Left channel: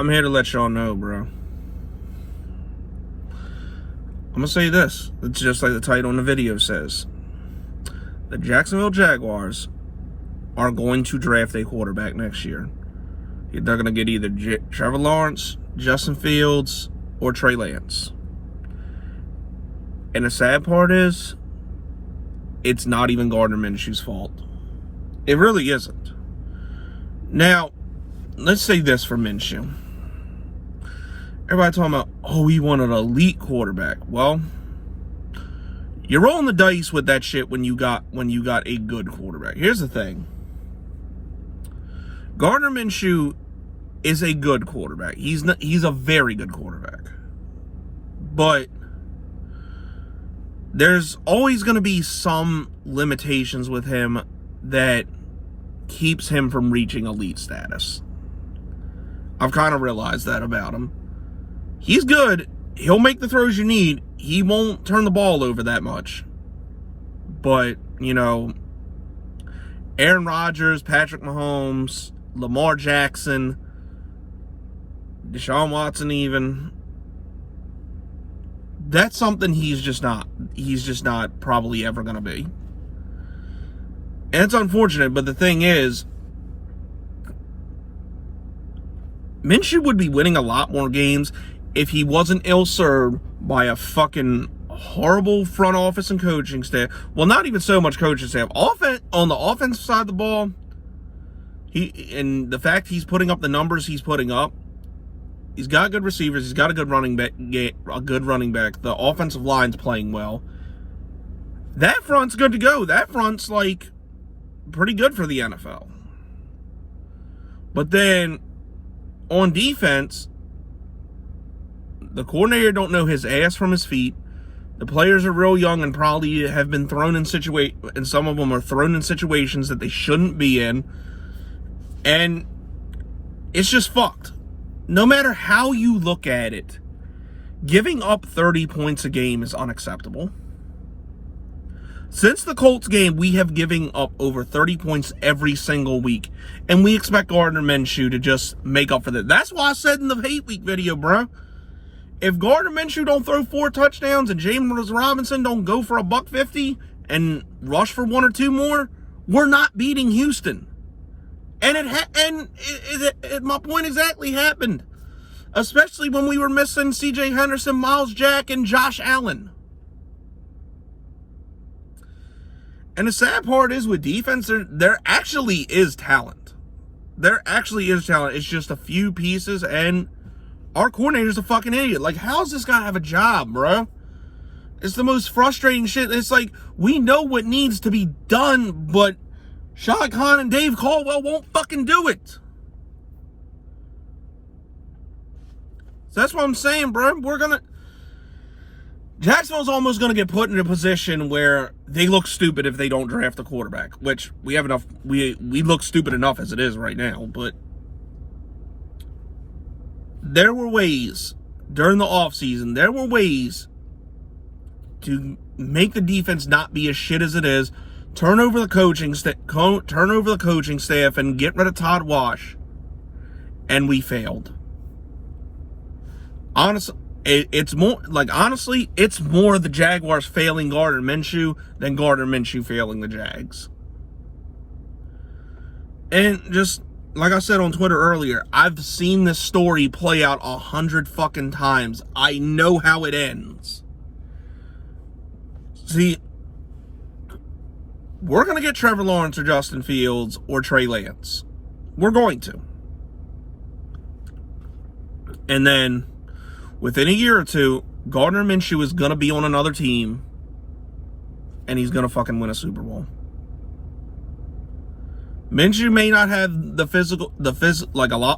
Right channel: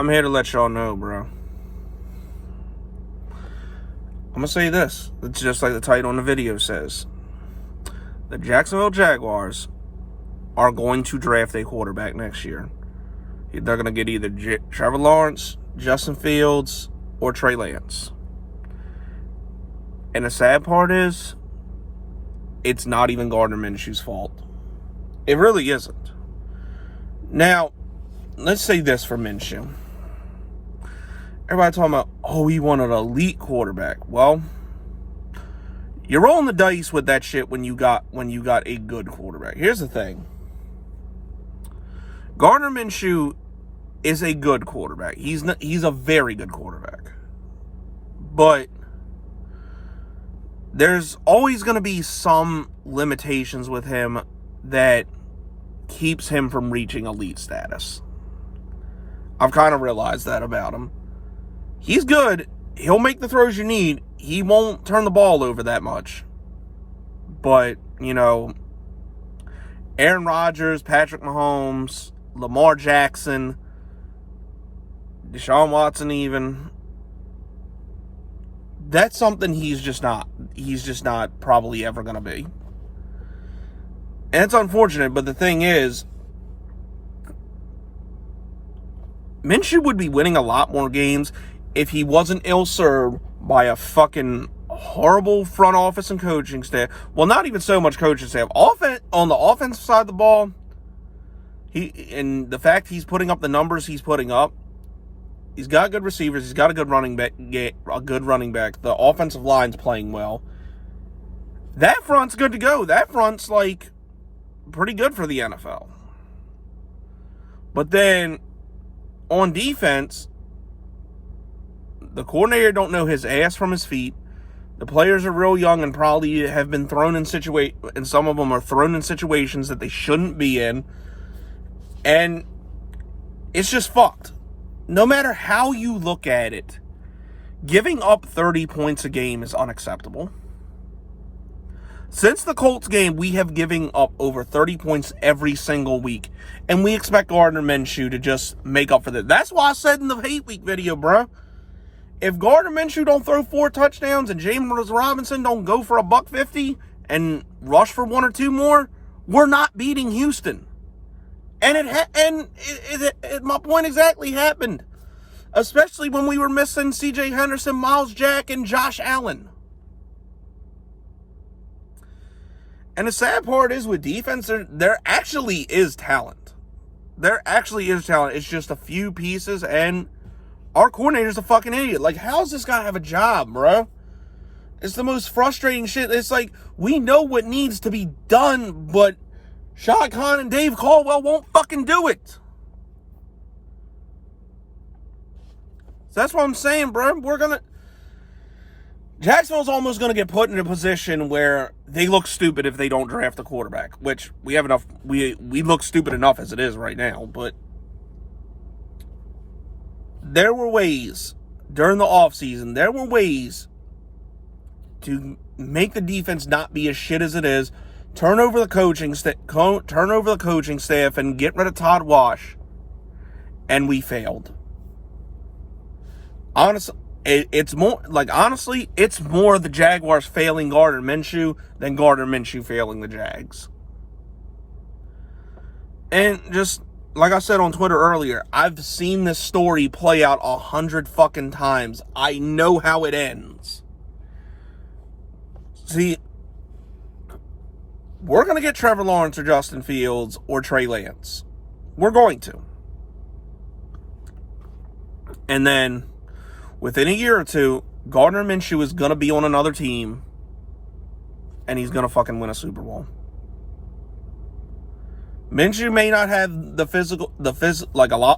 I'm here to let y'all know, bro. I'm going to say this. It's just like the title in the video says. The Jacksonville Jaguars are going to draft a quarterback next year. They're going to get either Trevor Lawrence, Justin Fields, or Trey Lance. And the sad part is, it's not even Gardner Minshew's fault. It really isn't. Now, let's say this for Minshew. Everybody talking about, oh, he wanted an elite quarterback. Well, you're rolling the dice with that shit when you got a good quarterback. Here's the thing. Gardner Minshew is a good quarterback. He's a very good quarterback. But there's always going to be some limitations with him that keeps him from reaching elite status. I've kind of realized that about him. He's good. He'll make the throws you need. He won't turn the ball over that much. But, you know, Aaron Rodgers, Patrick Mahomes, Lamar Jackson, Deshaun Watson even, that's something he's just not probably ever going to be. And it's unfortunate, but the thing is, Minshew would be winning a lot more games if he wasn't ill-served by a fucking horrible front office and coaching staff. Well, not even so much coaching staff. On the offensive side of the ball, and the fact he's putting up the numbers he's putting up, he's got good receivers. He's got a good running back. The offensive line's playing well. That front's good to go. That front's like pretty good for the NFL. But then on defense, the coordinator don't know his ass from his feet. The players are real young and probably have been thrown in and some of them are thrown in situations that they shouldn't be in. And it's just fucked. No matter how you look at it, giving up 30 points a game is unacceptable. Since the Colts game, we have given up over 30 points every single week. And we expect Gardner Minshew to just make up for that. That's why I said in the hate week video, bro. If Gardner Minshew don't throw 4 touchdowns and James Robinson don't go for $150 and rush for 1 or 2 more, we're not beating Houston. And my point exactly happened. Especially when we were missing C.J. Henderson, Miles Jack, and Josh Allen. And the sad part is with defense, there actually is talent. There actually is talent. It's just a few pieces, and our coordinator's a fucking idiot. Like, how does this guy have a job, bro? It's the most frustrating shit. It's like, we know what needs to be done, but Shad Khan and Dave Caldwell won't fucking do it. So that's what I'm saying, bro. Jacksonville's almost going to get put in a position where they look stupid if they don't draft a quarterback, which we have enough. We look stupid enough as it is right now, but there were ways during the offseason, there were ways to make the defense not be as shit as it is, turn over the coaching staff and get rid of Todd Wash, and we failed. Honestly, it's more the Jaguars failing Gardner Minshew than Gardner Minshew failing the Jags. And just like I said on Twitter earlier, I've seen this story play out 100 fucking times. I know how it ends. See, we're going to get Trevor Lawrence or Justin Fields or Trey Lance. We're going to. And then within a year or two, Gardner Minshew is going to be on another team and he's going to fucking win a Super Bowl. Minshew may not have a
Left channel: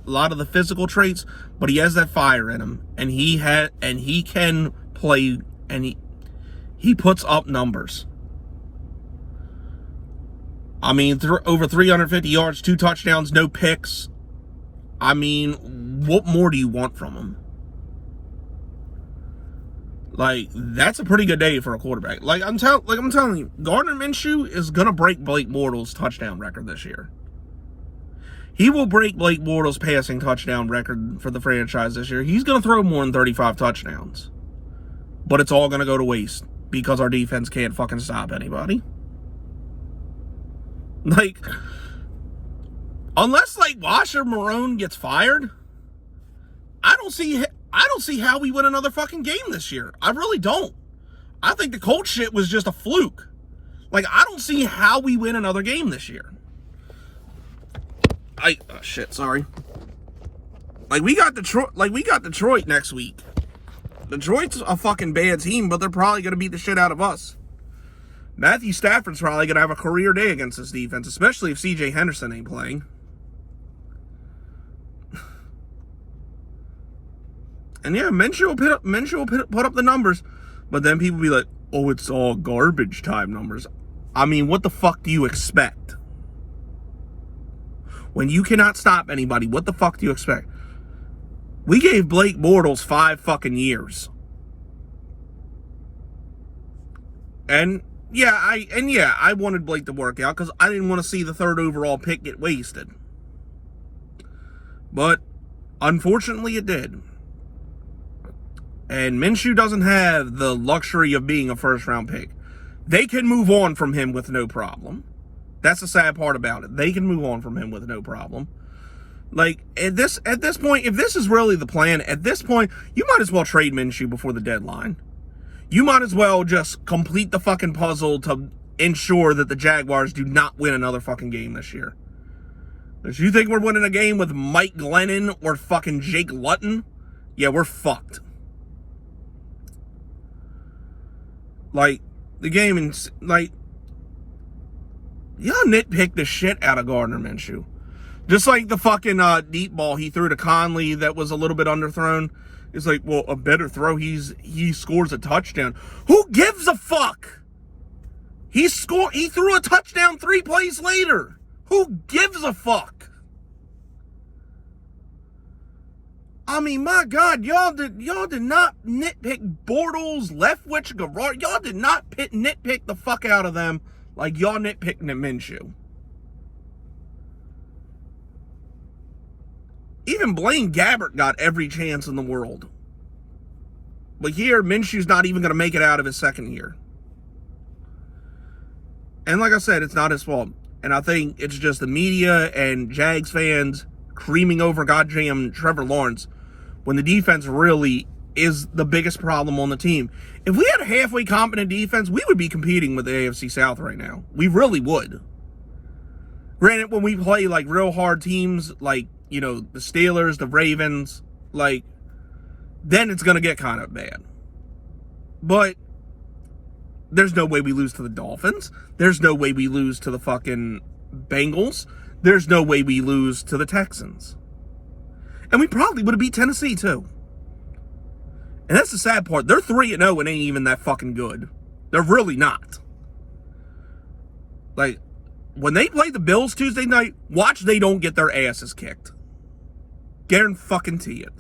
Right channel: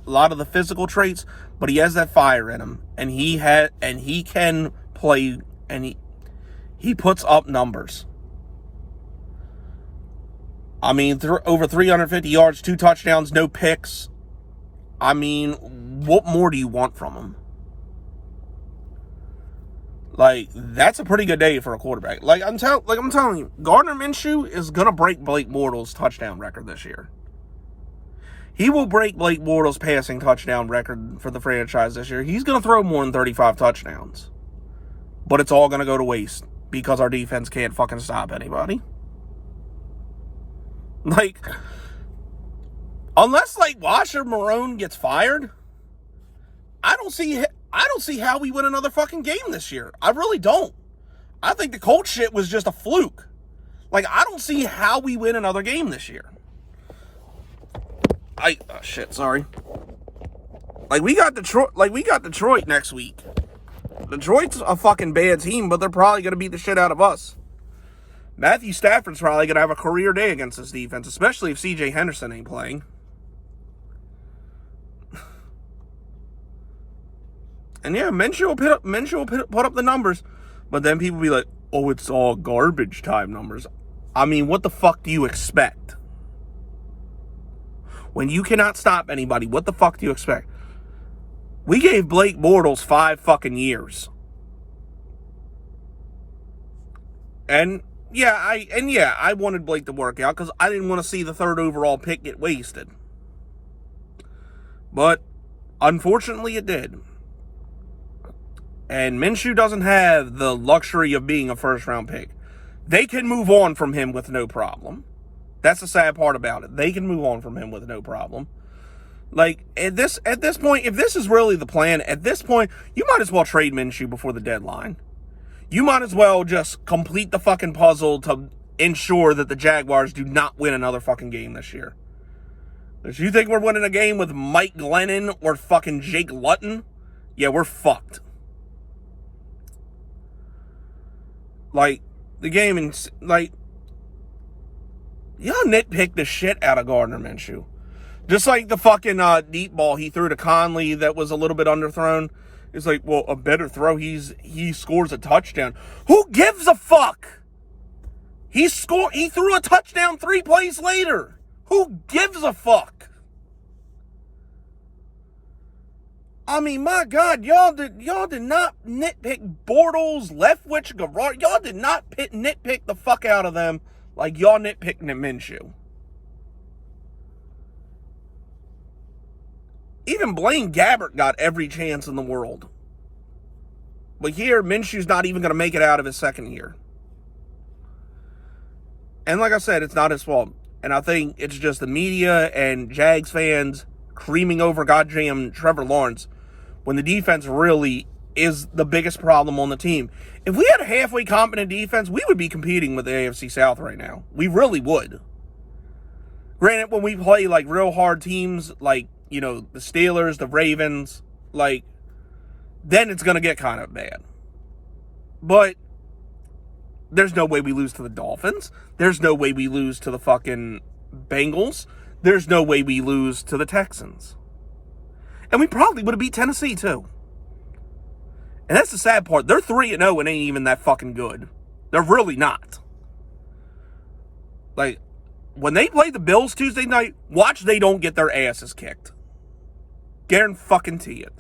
lot of the physical traits, but he has that fire in him, and he can play, and he puts up numbers. I mean, over 350 yards, 2 touchdowns, no picks. I mean, what more do you want from him? Like, that's a pretty good day for a quarterback. I'm telling you, Gardner Minshew is gonna break Blake Bortles' touchdown record this year. He will break Blake Bortles' passing touchdown record for the franchise this year. He's going to throw more than 35 touchdowns. But it's all going to go to waste because our defense can't fucking stop anybody. Like, unless, like, Washer Marone gets fired, I don't see how we win another fucking game this year. I really don't. I think the Colts shit was just a fluke. Like, I don't see how we win another game this year. Sorry. We got Detroit next week. Detroit's a fucking bad team, but they're probably going to beat the shit out of us. Matthew Stafford's probably going to have a career day against this defense, especially if C.J. Henderson ain't playing. And yeah, Minshew will put up the numbers, but then people be like, oh, it's all garbage time numbers. I mean, what the fuck do you expect? When you cannot stop anybody, what the fuck do you expect? We gave Blake Bortles 5 fucking years. And I wanted Blake to work out because I didn't want to see the 3rd overall pick get wasted. But unfortunately it did. And Minshew doesn't have the luxury of being a 1st round pick. They can move on from him with no problem. That's the sad part about it. They can move on from him with no problem. Like, at this point, if this is really the plan, at this point, you might as well trade Minshew before the deadline. You might as well just complete the fucking puzzle to ensure that the Jaguars do not win another fucking game this year. If you think we're winning a game with Mike Glennon or fucking Jake Luton, yeah, we're fucked. Like, the game, y'all nitpick the shit out of Gardner Minshew. Just like the fucking deep ball he threw to Conley that was a little bit underthrown. It's like, well, a better throw, he scores a touchdown. Who gives a fuck? He threw a touchdown 3 plays later. Who gives a fuck? I mean, my God, y'all did not nitpick Bortles, Leftwich, Garrard. Y'all did not nitpick the fuck out of them like y'all nitpicking at Minshew. Even Blaine Gabbert got every chance in the world. But here, Minshew's not even going to make it out of his 2nd year. And like I said, it's not his fault. And I think it's just the media and Jags fans creaming over goddamn Trevor Lawrence when the defense really is the biggest problem on the team. If we had a halfway competent defense, we would be competing with the AFC South right now. We really would. Granted, when we play like real hard teams like, you know, the Steelers, the Ravens, like, then it's going to get kind of bad. But there's no way we lose to the Dolphins. There's no way we lose to the fucking Bengals. There's no way we lose to the Texans. And we probably would have beat Tennessee, too. And that's the sad part. They're 3-0 and ain't even that fucking good. They're really not. Like, when they play the Bills Tuesday night, watch they don't get their asses kicked. Guarantee it.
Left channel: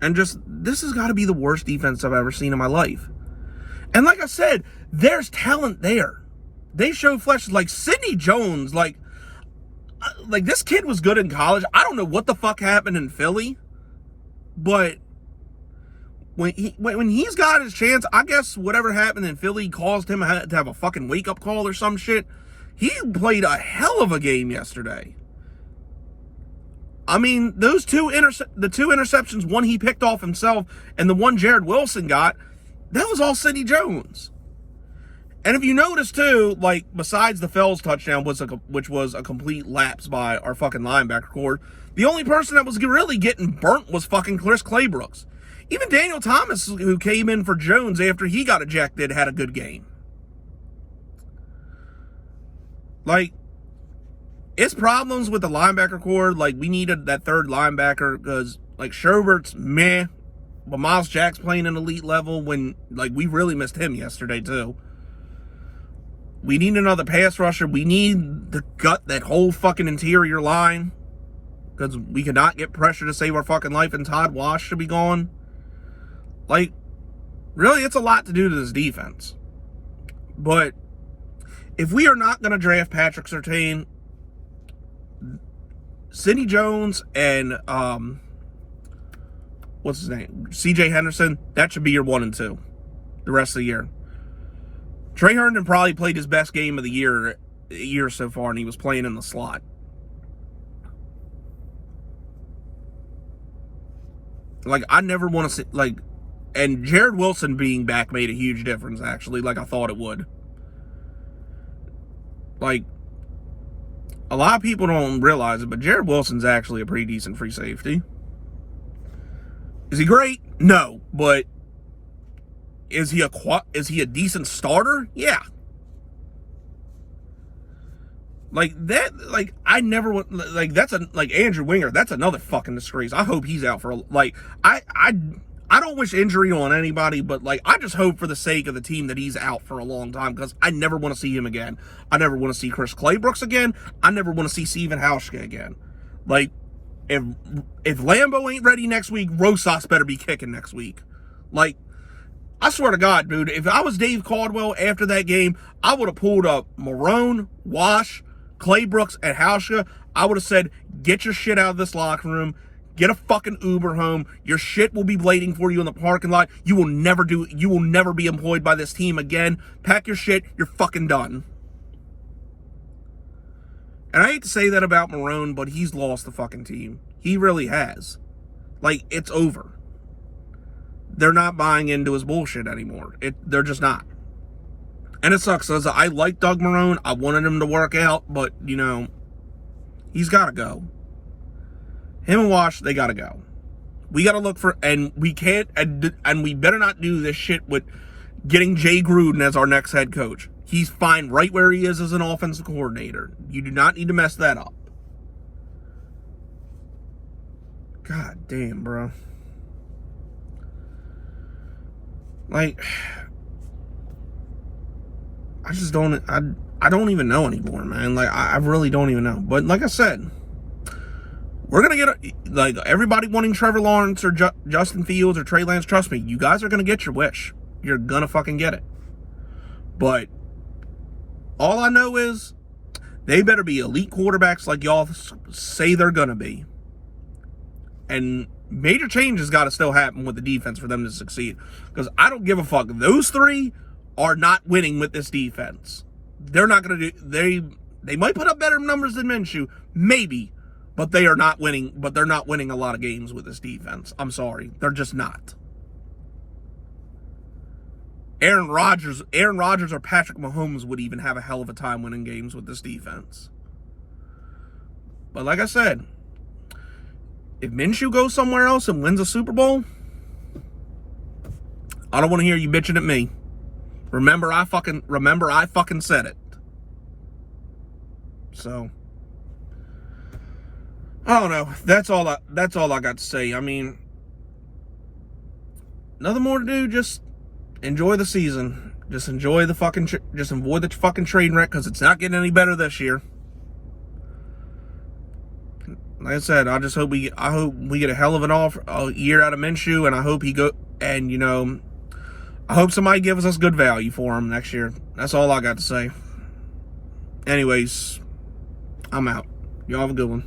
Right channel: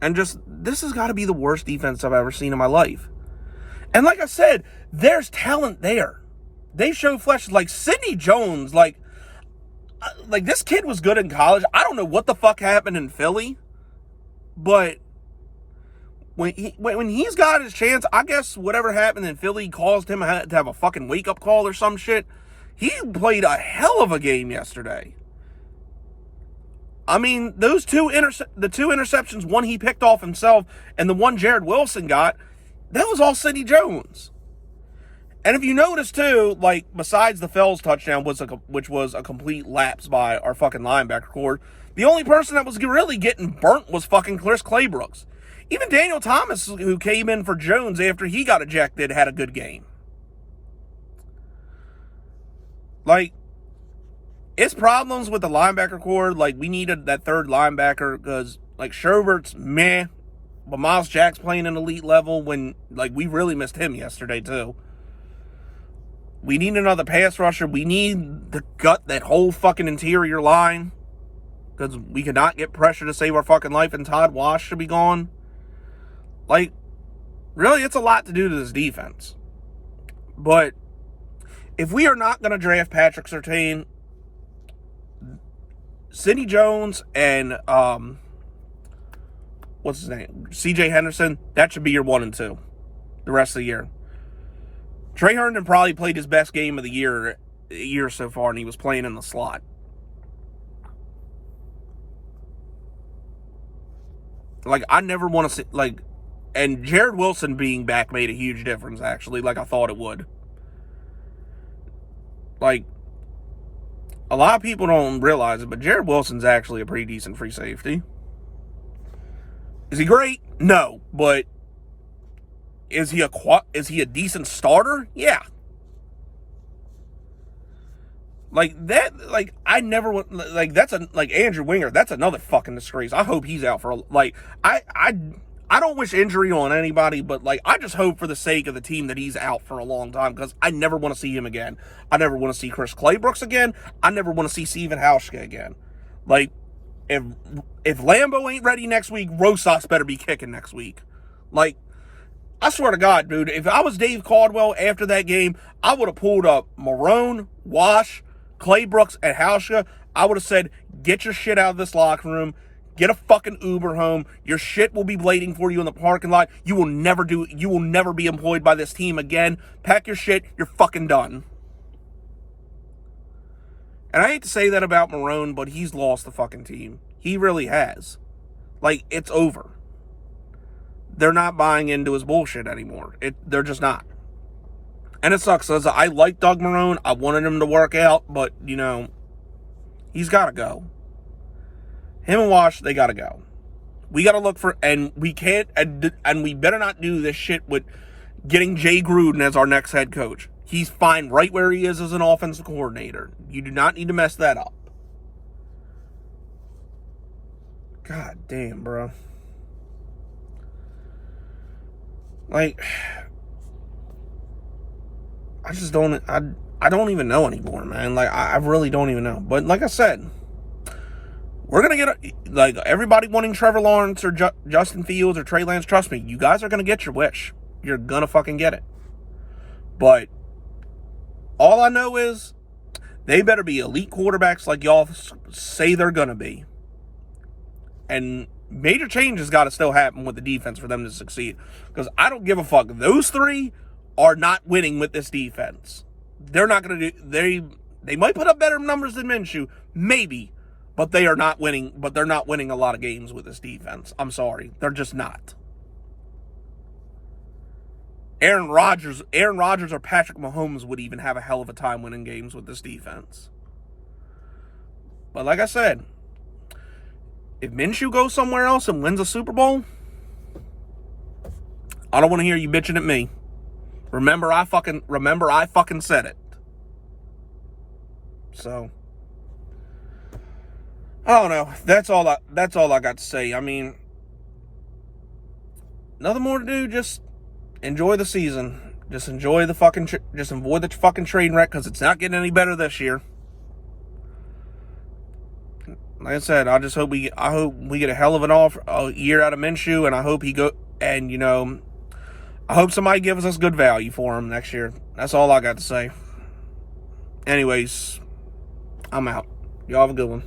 And just, this has got to be the worst defense I've ever seen in my life. And like I said, there's talent there. They show flesh. Like Sidney Jones, like this kid was good in college. I don't know what the fuck happened in Philly, but when he's got his chance, I guess whatever happened in Philly caused him to have a fucking wake up call or some shit. He played a hell of a game yesterday. I mean, the two interceptions, one he picked off himself and the one Jared Wilson got, that was all Sidney Jones. And if you notice too, like, besides the Fells touchdown, which was a complete lapse by our fucking linebacker core, the only person that was really getting burnt was fucking Chris Claybrooks. Even Daniel Thomas, who came in for Jones after he got ejected, had a good game. Like, it's problems with the linebacker core. Like, we needed that 3rd linebacker because, like, Schrobert's meh, but Miles Jack's playing an elite level when, like, we really missed him yesterday, too. We need another pass rusher. We need to gut that whole fucking interior line because we cannot get pressure to save our fucking life, and Todd Wash should be gone. Like, really, it's a lot to do to this defense. But if we are not going to draft Patrick Surtain, Sidney Jones and what's his name? CJ Henderson, that should be your 1 and 2 the rest of the year. Trey Herndon probably played his best game of the year so far, and he was playing in the slot. Like, I never want to see, like, and Jared Wilson being back made a huge difference, actually, like I thought it would. Like, a lot of people don't realize it, but Jared Wilson's actually a pretty decent free safety. Is he great? No, but is he a decent starter? Yeah. Like that, like I never would like that's a like Andrew Winger. That's another fucking disgrace. I hope he's out for like I don't wish injury on anybody, but like I just hope for the sake of the team that he's out for a long time because I never want to see him again. I never want to see Chris Claybrooks again. I never want to see Steven Hauschka again. Like if Lambeau ain't ready next week, Rosas better be kicking next week. Like I swear to God, dude, if I was Dave Caldwell after that game, I would have pulled up Marone, Wash, Claybrooks, and Hauschka. I would have said, get your shit out of this locker room. Get a fucking Uber home. Your shit will be waiting for you in the parking lot. You will never be employed by this team again. Pack your shit. You're fucking done. And I hate to say that about Marone, but he's lost the fucking team. He really has. Like, it's over. They're not buying into his bullshit anymore. They're just not. And it sucks. I like Doug Marone. I wanted him to work out, but, you know, he's got to go. Him and Wash, they got to go. We got to look for, and we can't, and we better not do this shit with getting Jay Gruden as our next head coach. He's fine right where he is as an offensive coordinator. You do not need to mess that up. God damn, bro. Like, I just don't, I don't even know anymore, man. Like, I really don't even know. But like I said, we're going to get, like, everybody wanting Trevor Lawrence or Justin Fields or Trey Lance, trust me, you guys are going to get your wish. You're going to fucking get it. But all I know is they better be elite quarterbacks like y'all say they're going to be. And major changes got to still happen with the defense for them to succeed. Because I don't give a fuck. Those three are not winning with this defense. They're not going to do... They might put up better numbers than Minshew. Maybe. But they are not winning. But they're not winning a lot of games with this defense. I'm sorry. They're just not. Aaron Rodgers or Patrick Mahomes would even have a hell of a time winning games with this defense. But like I said, if Minshew goes somewhere else and wins a Super Bowl, I don't want to hear you bitching at me. Remember I fucking said it. So I don't know. That's all I got to say. I mean, nothing more to do. Just enjoy the season. Just enjoy the fucking train wreck because it's not getting any better this year. Like I said, I hope we get a hell of a year out of Minshew, and I hope I hope somebody gives us good value for him next year. That's all I got to say. Anyways, I'm out. Y'all have a good one.